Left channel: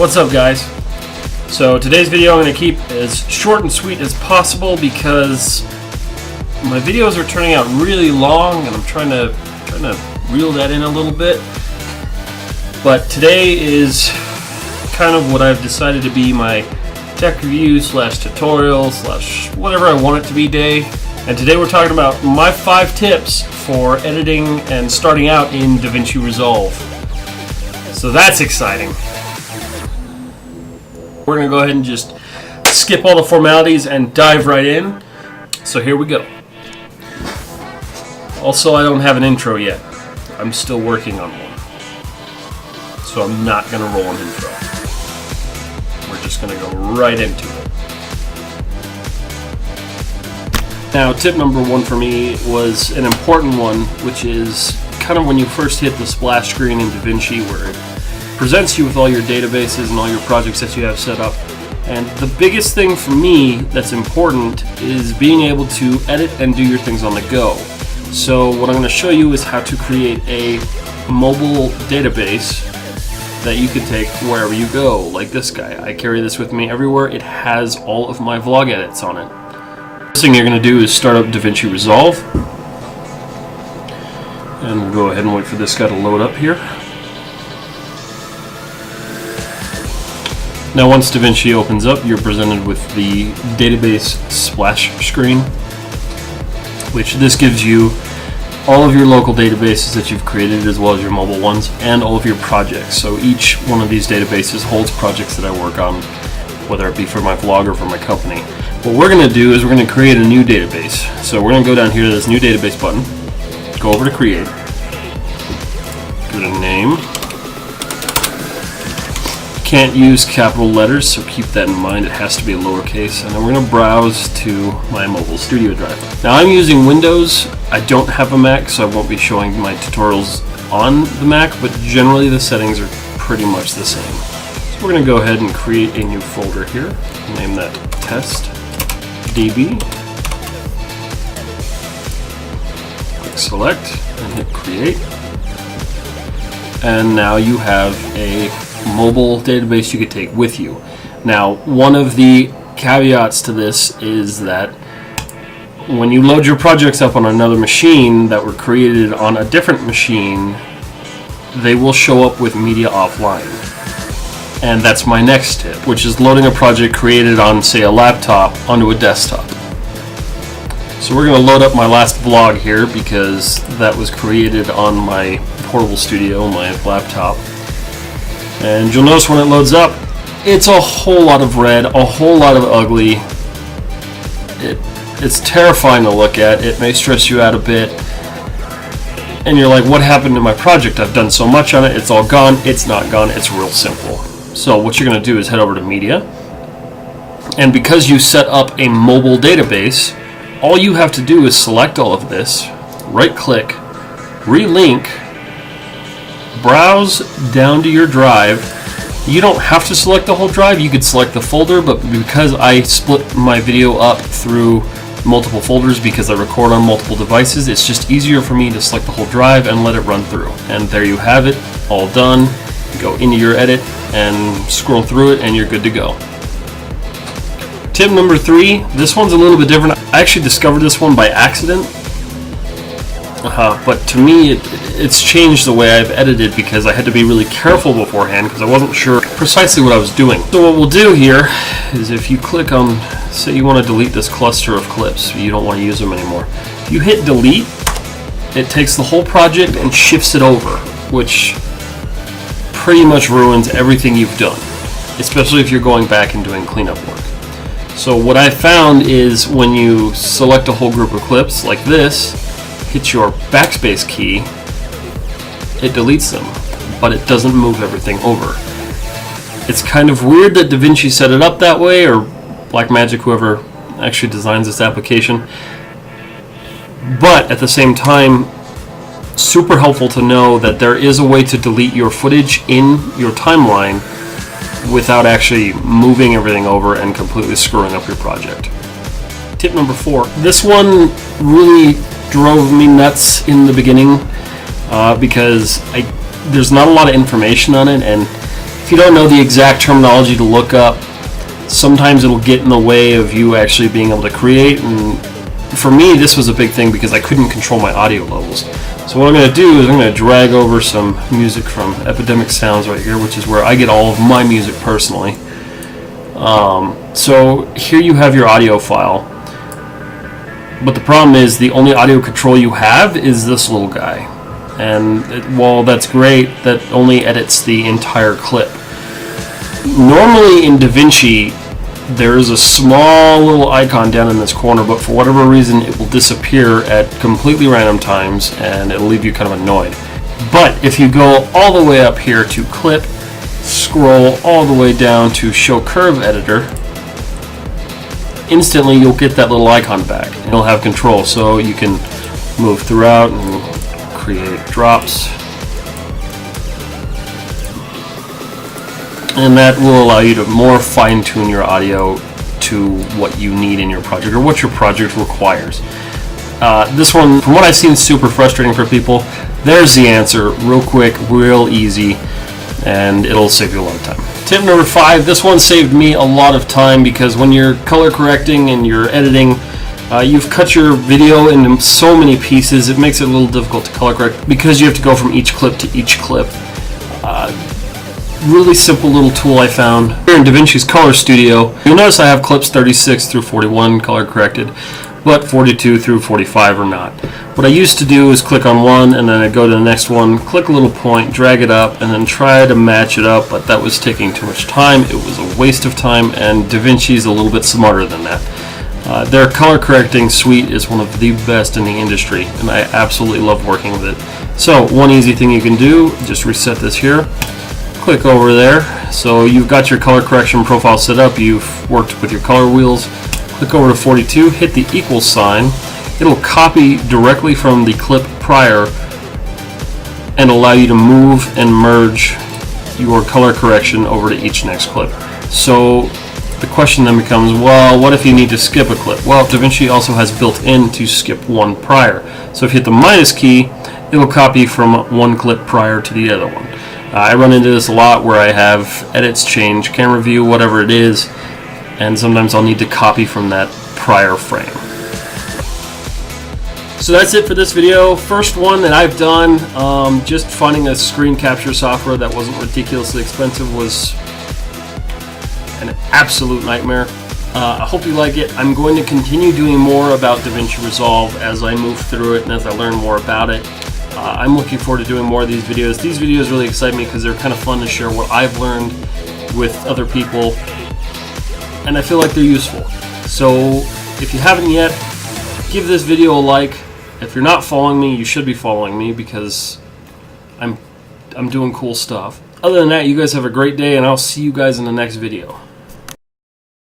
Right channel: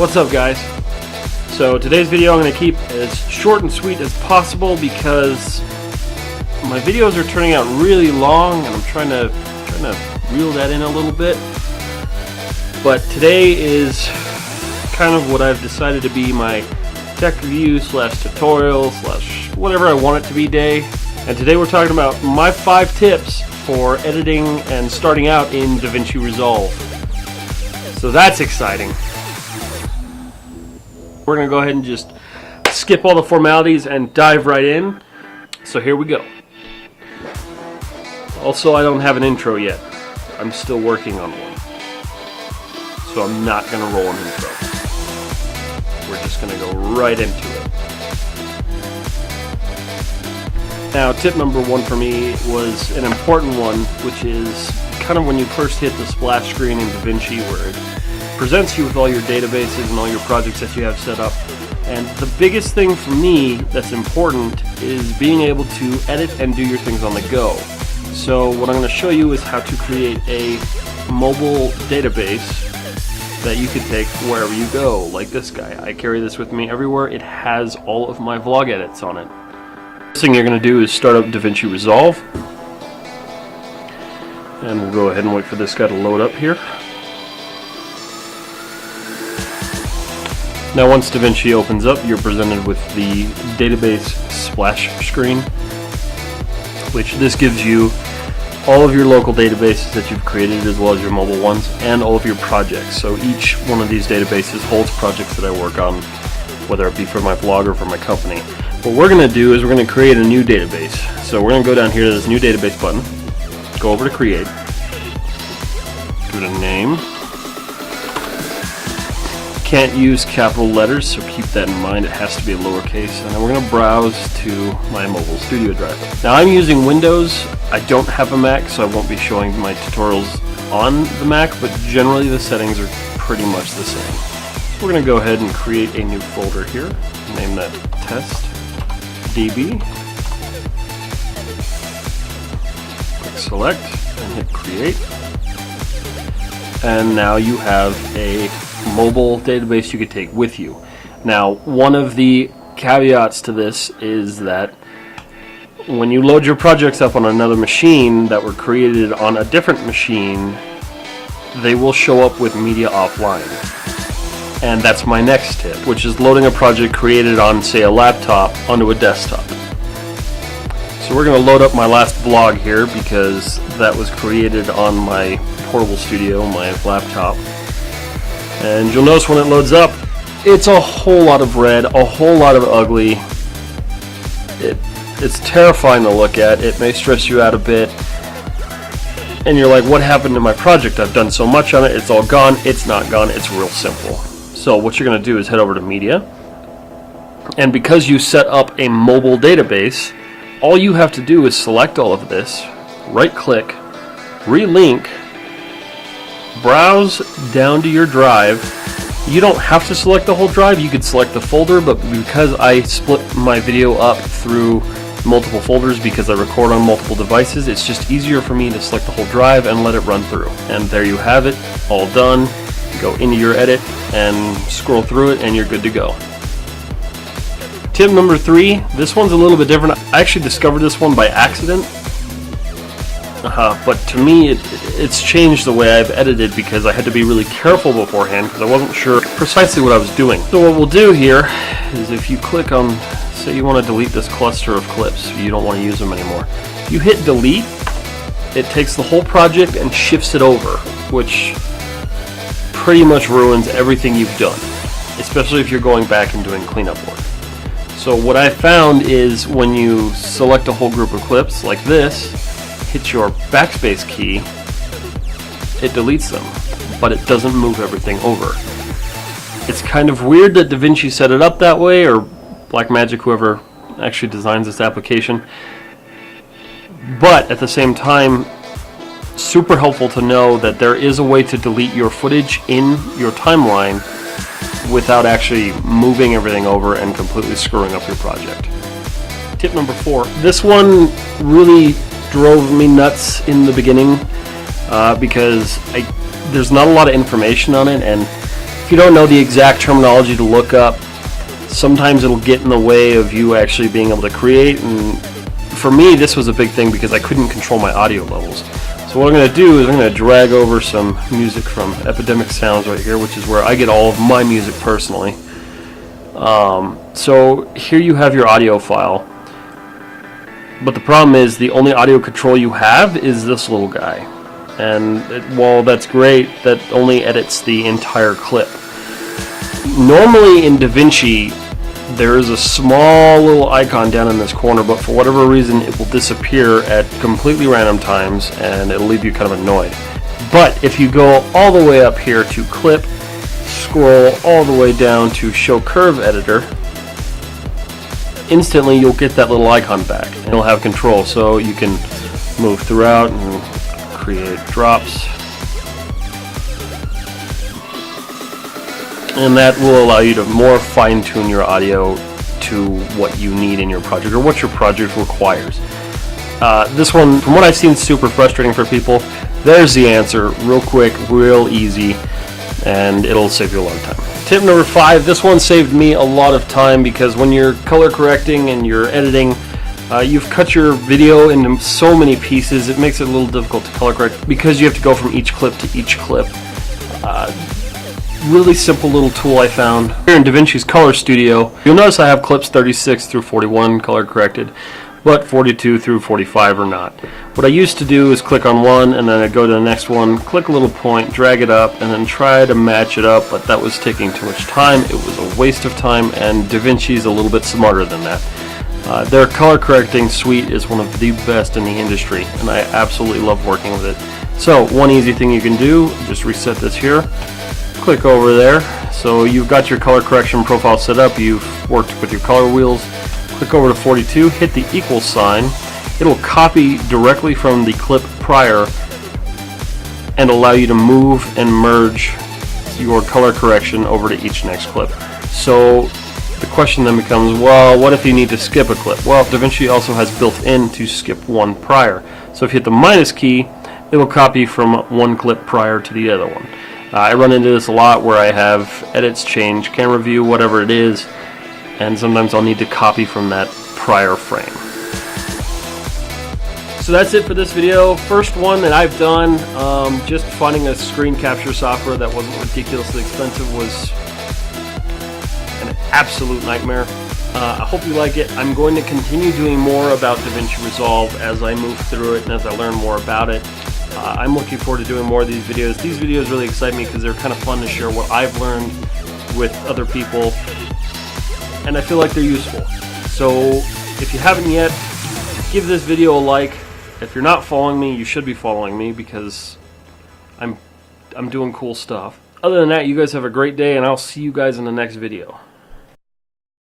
What's up, guys? So today's video I'm going to keep as short and sweet as possible because my videos are turning out really long and I'm trying to reel that in a little bit. But today is kind of what I've decided to be my tech review / tutorial / whatever I want it to be day. And today we're talking about my 5 tips for editing and starting out in Davinci Resolve. So that's exciting. We're going to go ahead and just skip all the formalities and dive right in. So here we go. Also, I don't have an intro yet. I'm still working on one. So I'm not going to roll an intro. We're just going to go right into it. Now, tip number 1 for me was an important one, which is kind of when you first hit the splash screen in Davinci where it presents you with all your databases and all your projects that you have set up. And the biggest thing for me that's important is being able to edit and do your things on the go. So what I'm going to show you is how to create a mobile database that you can take wherever you go, like this guy. I carry this with me everywhere. It has all of my vlog edits on it. First thing you're going to do is start up Davinci Resolve. And we'll go ahead and wait for this guy to load up here. Now once Davinci opens up, you're presented with the database splash screen, which this gives you all of your local databases that you've created as well as your mobile ones and all of your projects. So each one of these databases holds projects that I work on, whether it be for my vlog or for my company. What we're going to do is we're going to create a new database. So we're going to go down here to this new database button, go over to create, give it a name. Can't use capital letters, so keep that in mind. It has to be a lowercase. And then we're going to browse to my mobile studio drive. Now I'm using Windows. I don't have a Mac, so I won't be showing my tutorials on the Mac, but generally the settings are pretty much the same. So we're going to go ahead and create a new folder here. Name that test DB. Click select and hit create. And now you have a mobile database you could take with you. Now, one of the caveats to this is that when you load your projects up on another machine that were created on a different machine, they will show up with media offline. And that's my next tip, which is loading a project created on, say, a laptop onto a desktop. So we're going to load up my last vlog here because that was created on my portable studio, my laptop. And you'll notice when it loads up, it's a whole lot of red, a whole lot of ugly. It's terrifying to look at. It may stress you out a bit. And you're like, what happened to my project? I've done so much on it. It's all gone. It's not gone. It's real simple. So what you're going to do is head over to Media. And because you set up a mobile database, all you have to do is select all of this, right-click, relink, browse down to your drive. You don't have to select the whole drive, you could select the folder, but because I split my video up through multiple folders because I record on multiple devices, it's just easier for me to select the whole drive and let it run through. And there you have it, all done. Go into your edit and scroll through it and you're good to go. Tip number 3, this one's a little bit different. I actually discovered this one by accident. But to me, it's changed the way I've edited because I had to be really careful beforehand because I wasn't sure precisely what I was doing. So what we'll do here is if you click on, say you want to delete this cluster of clips, you don't want to use them anymore. You hit delete, it takes the whole project and shifts it over, which pretty much ruins everything you've done, especially if you're going back and doing cleanup work. So what I found is when you select a whole group of clips like this, hit your backspace key, it deletes them, but it doesn't move everything over. It's kind of weird that Davinci set it up that way, or Blackmagic, whoever actually designs this application, but at the same time, super helpful to know that there is a way to delete your footage in your timeline without actually moving everything over and completely screwing up your project. Tip number 4, this one really drove me nuts in the beginning because there's not a lot of information on it, and If you don't know the exact terminology to look up, sometimes it'll get in the way of you actually being able to create, and for me this was a big thing because I couldn't control my audio levels. So what I'm going to do is I'm going to drag over some music from Epidemic Sounds right here, which is where I get all of my music personally. So here you have your audio file, but the problem is the only audio control you have is this little guy, and while that's great, that only edits the entire clip. Normally in Davinci there is a small little icon down in this corner, but for whatever reason it will disappear at completely random times and it'll leave you kind of annoyed. But if you go all the way up here to Clip, scroll all the way down to Show Curve Editor, instantly you'll get that little icon back and you'll have control, so you can move throughout and create drops, and that will allow you to more fine-tune your audio to what you need in your project or what your project requires. This one, from what I've seen, is super frustrating for people. There's the answer, real quick, real easy, and it'll save you a lot of time. Tip number 5, this one saved me a lot of time because when you're color correcting and you're editing, you've cut your video into so many pieces, it makes it a little difficult to color correct because you have to go from each clip to each clip. Really simple little tool I found here in Davinci's Color Studio. You'll notice I have clips 36 through 41 color corrected, but 42 through 45 are not. What I used to do is click on one and then I'd go to the next one, click a little point, drag it up, and then try to match it up, but that was taking too much time. It was a waste of time, and Davinci's a little bit smarter than that. Their color correcting suite is one of the best in the industry, and I absolutely love working with it. So one easy thing you can do, just reset this here. Click over there, so you've got your color correction profile set up, you've worked with your color wheels. Click over to 42, hit the equal sign. It'll copy directly from the clip prior and allow you to move and merge your color correction over to each next clip. So the question then becomes, well, what if you need to skip a clip? Well, Davinci also has built in to skip one prior. So if you hit the minus key, it'll copy from one clip prior to the other one. I run into this a lot where I have edits change, camera view, whatever it is, and sometimes I'll need to copy from that prior frame. So that's it for this video. First one that I've done, just finding a screen capture software that wasn't ridiculously expensive was an absolute nightmare. I hope you like it. I'm going to continue doing more about Davinci Resolve as I move through it and as I learn more about it. I'm looking forward to doing more of these videos. These videos really excite me because they're kind of fun to share what I've learned with other people, and I feel like they're useful. So if you haven't yet, give this video a like. If you're not following me, you should be following me because I'm doing cool stuff. Other than that, you guys have a great day, and I'll see you guys in the next video.